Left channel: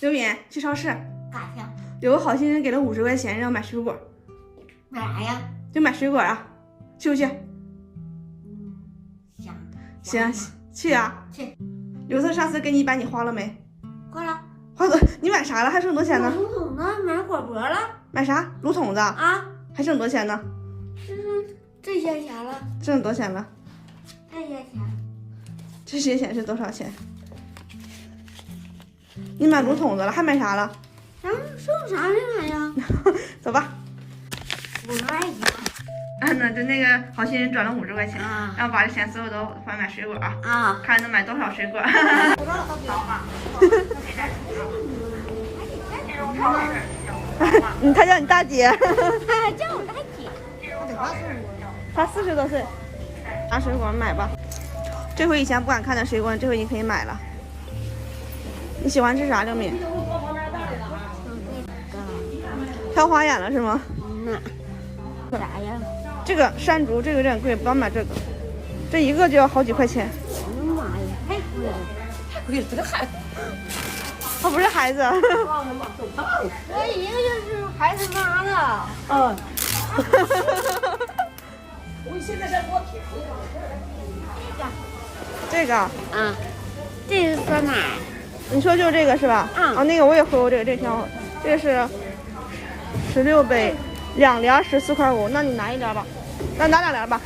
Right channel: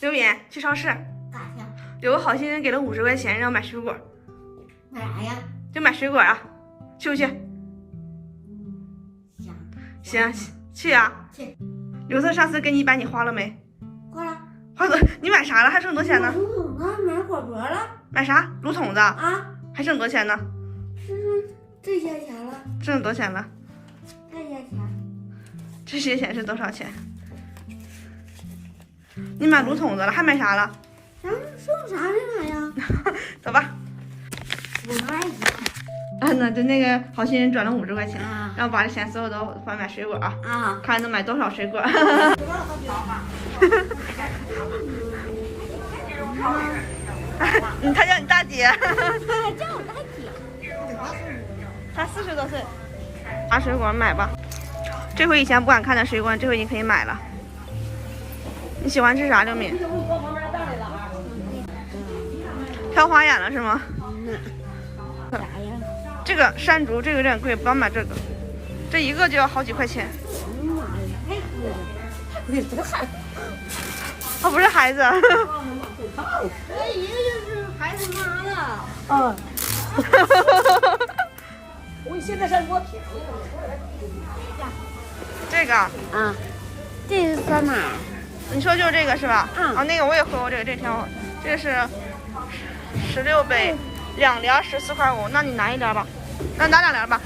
刘敏去超市干啥去？有个好心人给了50块钱，让买水果。买啥呀？就买水果啊，去不去？行。行，去啊。去。刘特上次给你100，你花了没？花了。花多？你买啥了？还剩多少钱呢？买桶子，买火锅了。买啥？炉筒子啊？还剩多少钱呢？这些钱了。剩多少钱了？这些钱。这些钱是多少钱？你买炉筒子了，还买啥了？剩啥没买呀？走吧。50块钱。那就那个好心人转了50块钱，啊，然后把这钱所有都花买水果啊。啊，看能买多少水果。他叫你大姐。他还叫我大姐。他40多岁。拿水果买吧，这回以前不敢看的水果，这回你可以买了。你喜欢吃啥，刘敏？挑花眼了是吗？啥呀？这个山竹，这个有点贵，不要买这个，这一个就要好几块钱。哎呀妈呀，太贵了，太贵了，这孩子。他不是孩子。这一个就是孩子妈了。嗯。我现在才给我便宜了。这个啊，这是酸奶。你说就是这个是吧？嗯。啊，那个我也喝过这个，这挺好。这个是16杯，2连14块5，那你拿1连吧。那拿2连吧。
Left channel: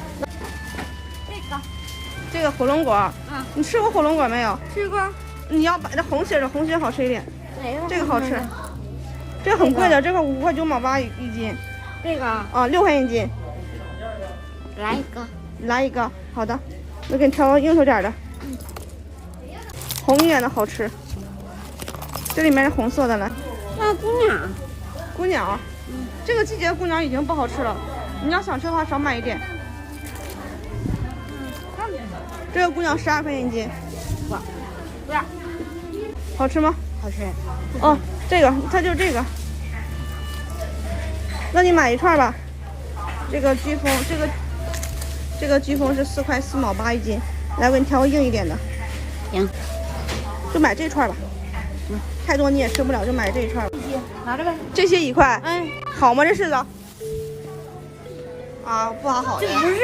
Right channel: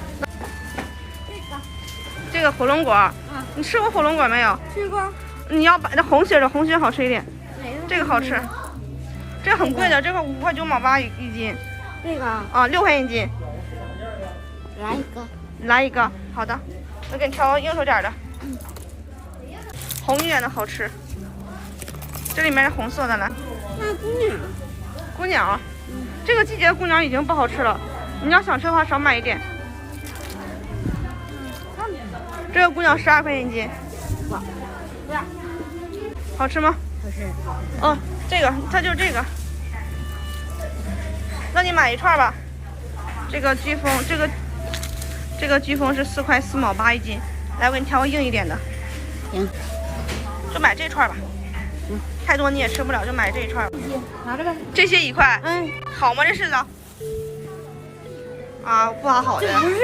这个火龙果。嗯。你吃过火龙果没有？吃过。你要把这红心的，红心好吃一点。哪个？这个好吃。这个很贵的，这个5块9毛8一斤。这个啊，6块1斤。来一个。来一个，好的。我给你挑个硬手点的。红一点的好吃。这里面是红色的，来。那姑娘。姑娘。这个季节姑娘已经不好吃了，你要想吃的话少买一点。这个姑娘12块钱一斤。不要。好吃吗？好吃。哦，这个它就这个。那你买一串吧。这个飓风，这个飓风是4块4毛8一斤。来，我给你挑个硬一点的。行。就买这串吧。太多你也吃不了，就买这一串吧。拿着呗。这些1块。好吗？这柿子。啊，不好的。这不是，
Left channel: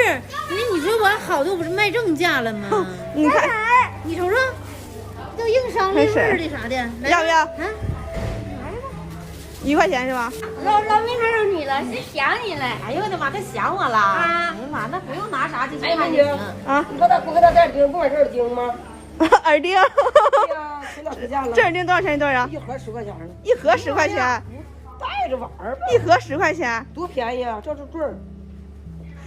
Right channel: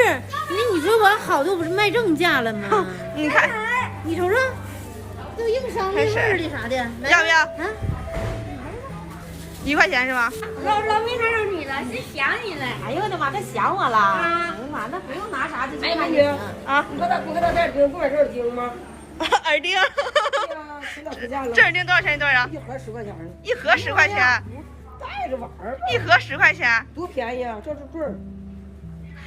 你说完好的，我不是卖正价了吗？你看，你瞅瞅，都硬伤味儿的啥的，要不要？拿着吧。1块钱是吧？老妹还有你了，谁想你了？哎呦我的妈，他想我了！哎呀妈，那不用拿啥就去看就行啊。你说他不给他带耳钉，不买这耳钉吗？耳钉。对呀，前两天价了。这耳钉多少钱一对啊？一盒10块钱呢。一盒10块钱。带着玩儿吧。一盒10块钱。多便宜啊！这是对儿。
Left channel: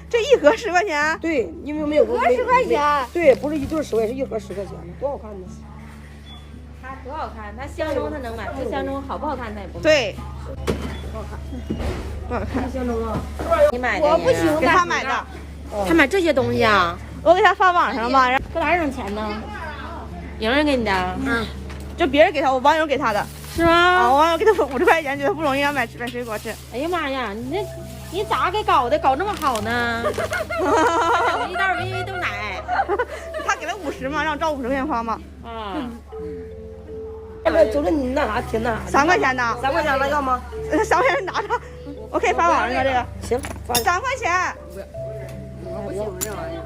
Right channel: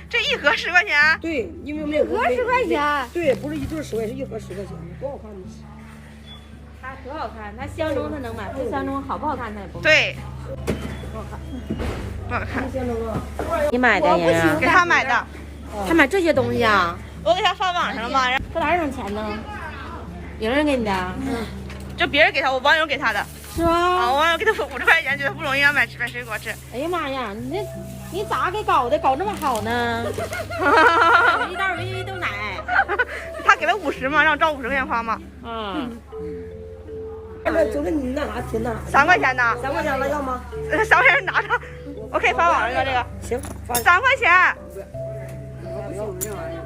这一盒10块钱？对，因为没有。一盒10块钱。对，不是一对10块，是一盒10块钱呢，多好看呢。它多好看，它相中它能买，不相中好不好看它也不买。对。不好看。不好看。相中啊。你买的？我不行，给他买的。他买这些东西啊？我给他发网上了嘛。搁哪儿整钱呢？莹莹给你的？就别人给他，我网友给他的。是啊。我网友给他50块钱，觉得不容易，让买水果吃。哎呀妈呀，你咋给搞的？搞这么好呢？一袋维 V 豆奶。他给了50嘛，让我照50块钱花嘛。走了你那啥挺那啥。3块钱呢？3块钱了要吗？3块钱拿着，我可以发网上这个。行，3块钱。我不行这玩意儿。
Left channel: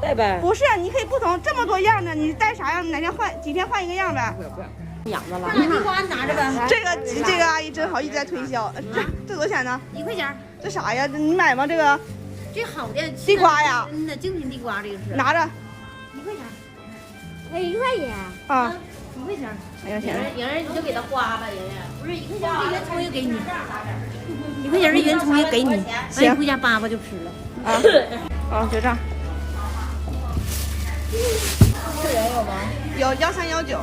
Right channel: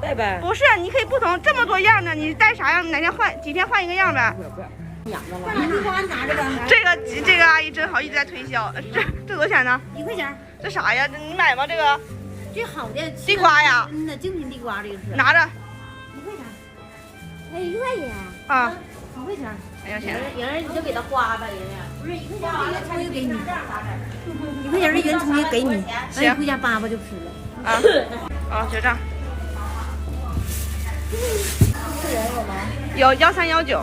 带呗。不是，你可以不同这么多样的，你带啥样？哪天换几天换一个样呗。不要。养着了。地瓜拿着呗。这个阿姨真好，一直在推销。这多少钱呢？1块钱。这啥呀？你买吗？这个？这好的。地瓜呀。真的精品地瓜，这个是。拿着。1块钱。哎，1块钱。啊。1块钱。哎呀天！莹儿你就给他花吧，莹儿。不是1块钱，这圆葱也给你。1块钱这圆葱也给你。哎，回家扒扒就吃了。啊，结账。会员有吗？有1319。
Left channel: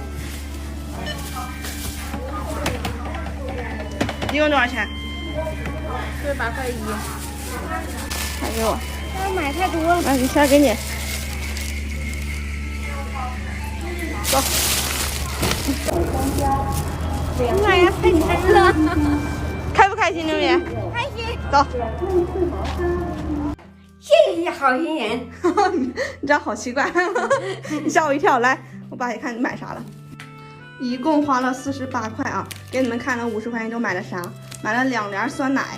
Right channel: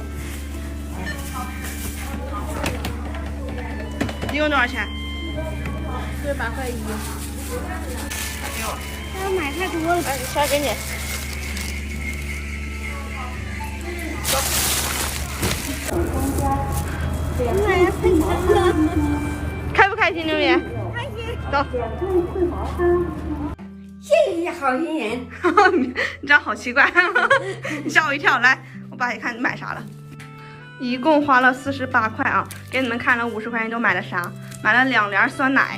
一共多少钱？48块1。买给我。哎，买太多了，你先给你。妈呀，太真了！开不开心，榴莲？开心。走。谢谢好心人。你这样好奇怪，你吓我一跳。来，我爸也看你买啥了。一共花了48块啊，给你们看了50块钱都买了啥？买了2帘酸奶，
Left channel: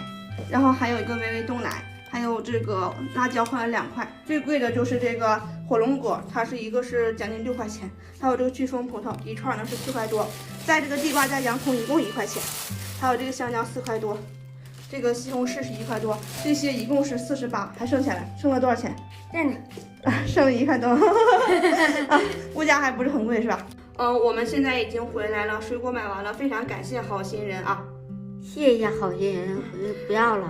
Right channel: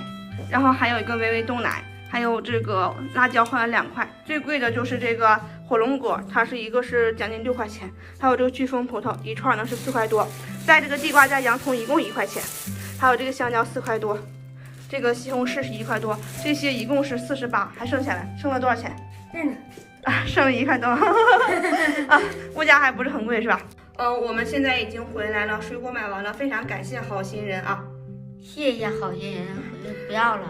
然后还有一个维维冻奶，还有这个辣椒花了2块。最贵的就是这个火龙果，它是一个是将近6块钱，还有这个飓风葡萄一串呢是4块多，在这个地瓜加洋葱一共1块钱，还有这个香蕉4块多，这个西红柿是1块多，这些一共是48，还剩下来，剩了多少钱？剩了1块多，啊，物价还不是很贵是吧？我们现在已经回来了，水果买完了，非常感谢好心人啊！谢谢好心人，不要了，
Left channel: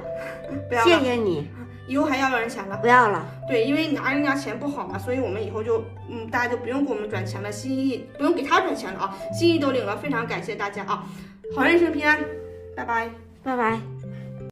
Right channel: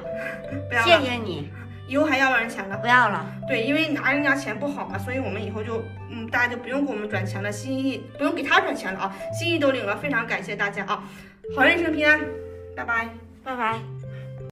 不要了，谢谢你，以后还要人钱了？不要了。对，因为拿人家钱不好嘛，所以我们以后就大家就不用给我们转钱了，心意不用给他转钱了啊，心意都领了，非常感谢大家啊！好人一生平安，拜拜，拜拜。